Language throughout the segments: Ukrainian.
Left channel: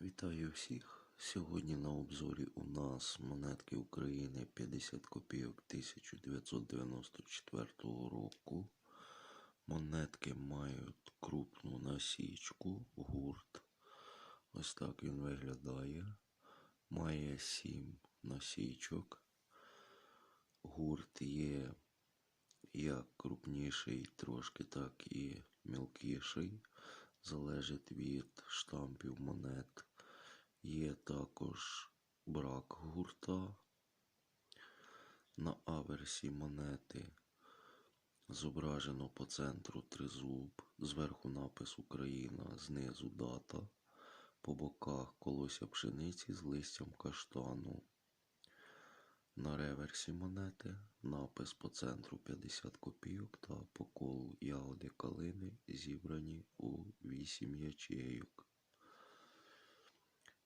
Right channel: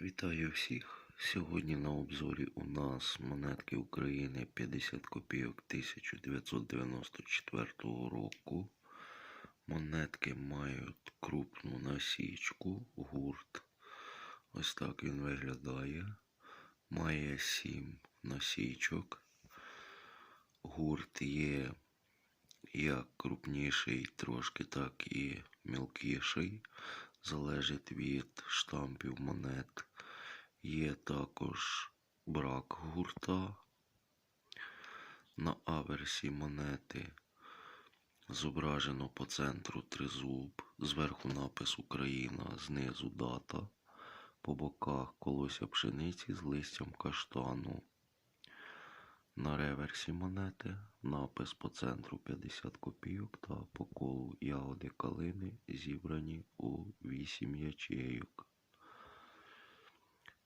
Вітаю всіх! Сьогодні на обзорі у нас монетки України 50 копійок 1994 року. Монетки мають крупну насічку, гурт. Ось так він виглядає. Має 7 насічок. Гурт є як крупніший трошки, так і мілкіший. Залежить від штампів монет. Є також брак гурта. На аверсі монети зображено по центру тризуб, зверху напис Україна, знизу дата, по боках колося пшениці з листям каштану. На реверсі монети напис по центру 50 копійок та по колу ягоди калини зібрані у 8 ячейок.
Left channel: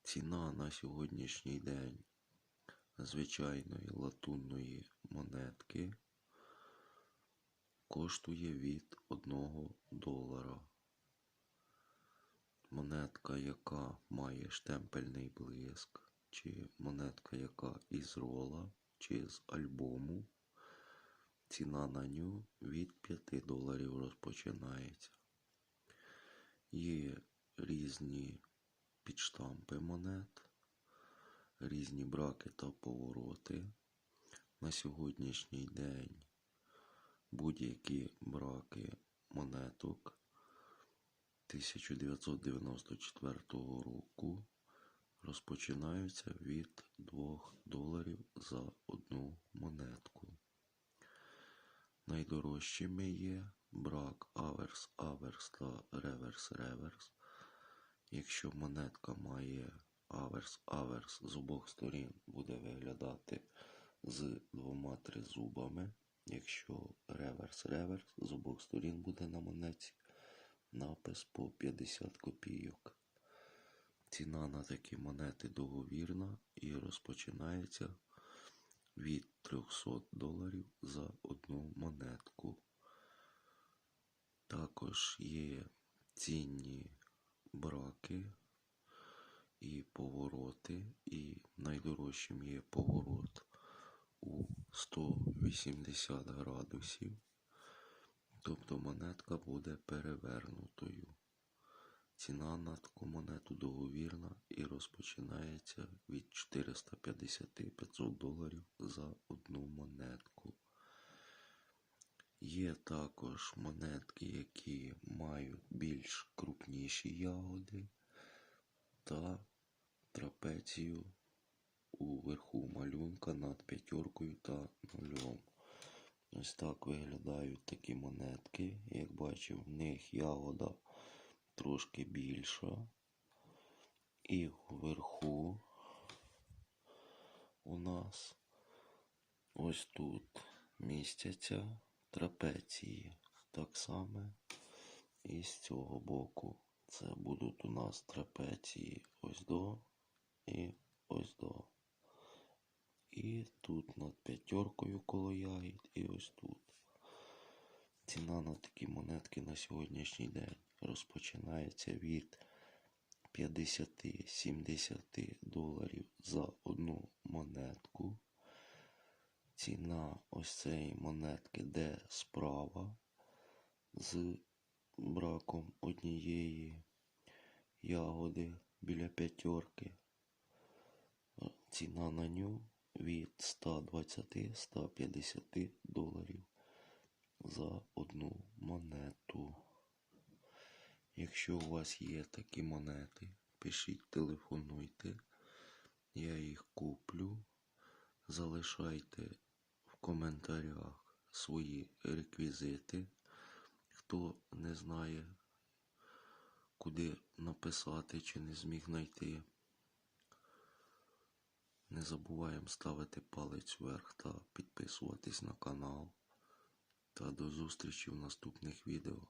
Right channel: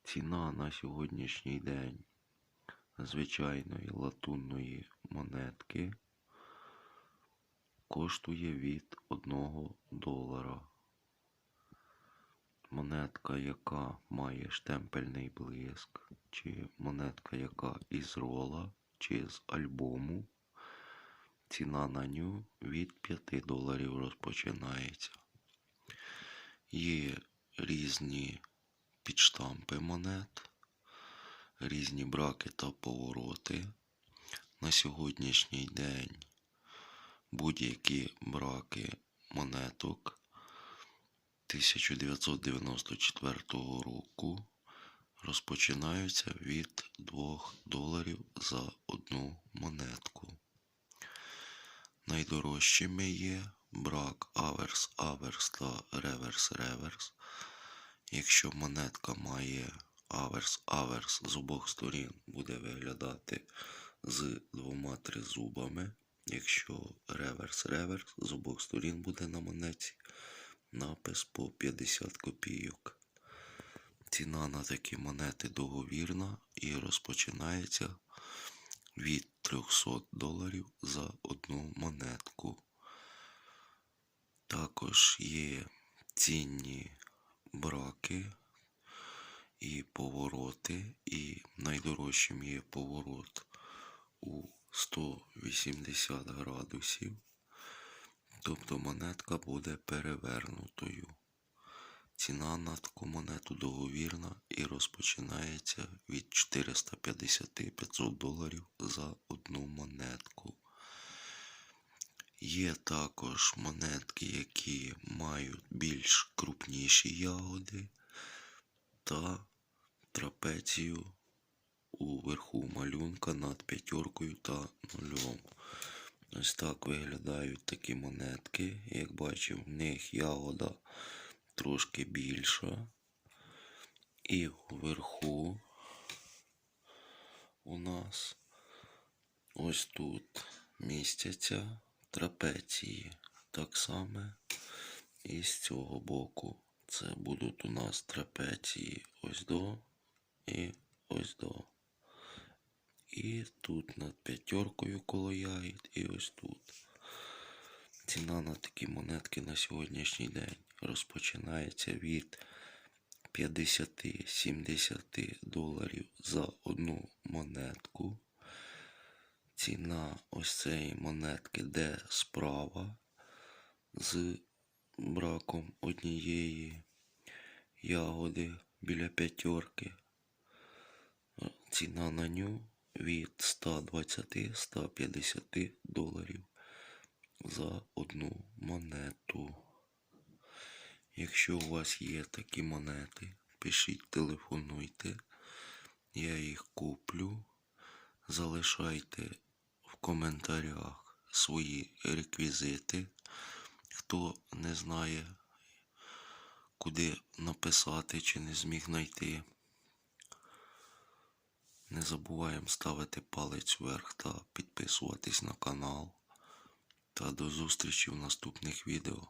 Ціна на сьогоднішній день звичайної латунної монетки коштує від 1 долара. Монетка, яка має штемпельний блиск, чи монетка, яка із рола, чи з альбому. Ціна на ню від 5 доларів розпочинається. Є різні підштампи монет, різні браки та повороти. На сьогоднішній день будь-які браки монеток 1994 року розпочинаються від 2 доларів за одну монетку. Найдорожчими є брак аверс, аверс та реверс, реверс. Якщо монетка має аверс, аверс з обох сторін буде виглядати з двома тризубами. Якщо реверс, реверс з обох сторін буде на монеті напис по 50 копійок. Ціна на такі монети договірна і розпочинається від 300 доларів за одну монетку. Також є цінні браки і повороти, і найдорожчим є поворот у 180 градусів. Тобто монетка буде перевернутою. Ціна на таку монету договірна і розпочинається від 450-500 доларів за одну монетку. Є також монетки, які мають більш крупніші ягоди та трапецію у верху малюнка над п'ятеркою та нульом. Ось так виглядають такі монетки. Як бачив, в них ягода трошки більша. І вверху у нас ось тут містяться трапеції. Так само і з цього боку. Це будуть у нас трапеції ось до і ось до. І тут над п'ятеркою коло ягід, і ось тут. Ціна на такі монетки на сьогоднішній день розпочинається від 50-70 доларів за одну монетку. Ціна ось цієї монетки де справа з браком однієї ягоди біля п'ятерки. Ціна на ню від 120-150 доларів за одну монету. Якщо у вас є такі монети, пишіть, телефонуйте, я їх куплю. Залишайте в коментарях свої реквізити. Хто не знає, куди написати чи не зміг знайти. Не забуваємо ставити палець вверх та підписуватись на канал. Та до зустрічі в наступних відео.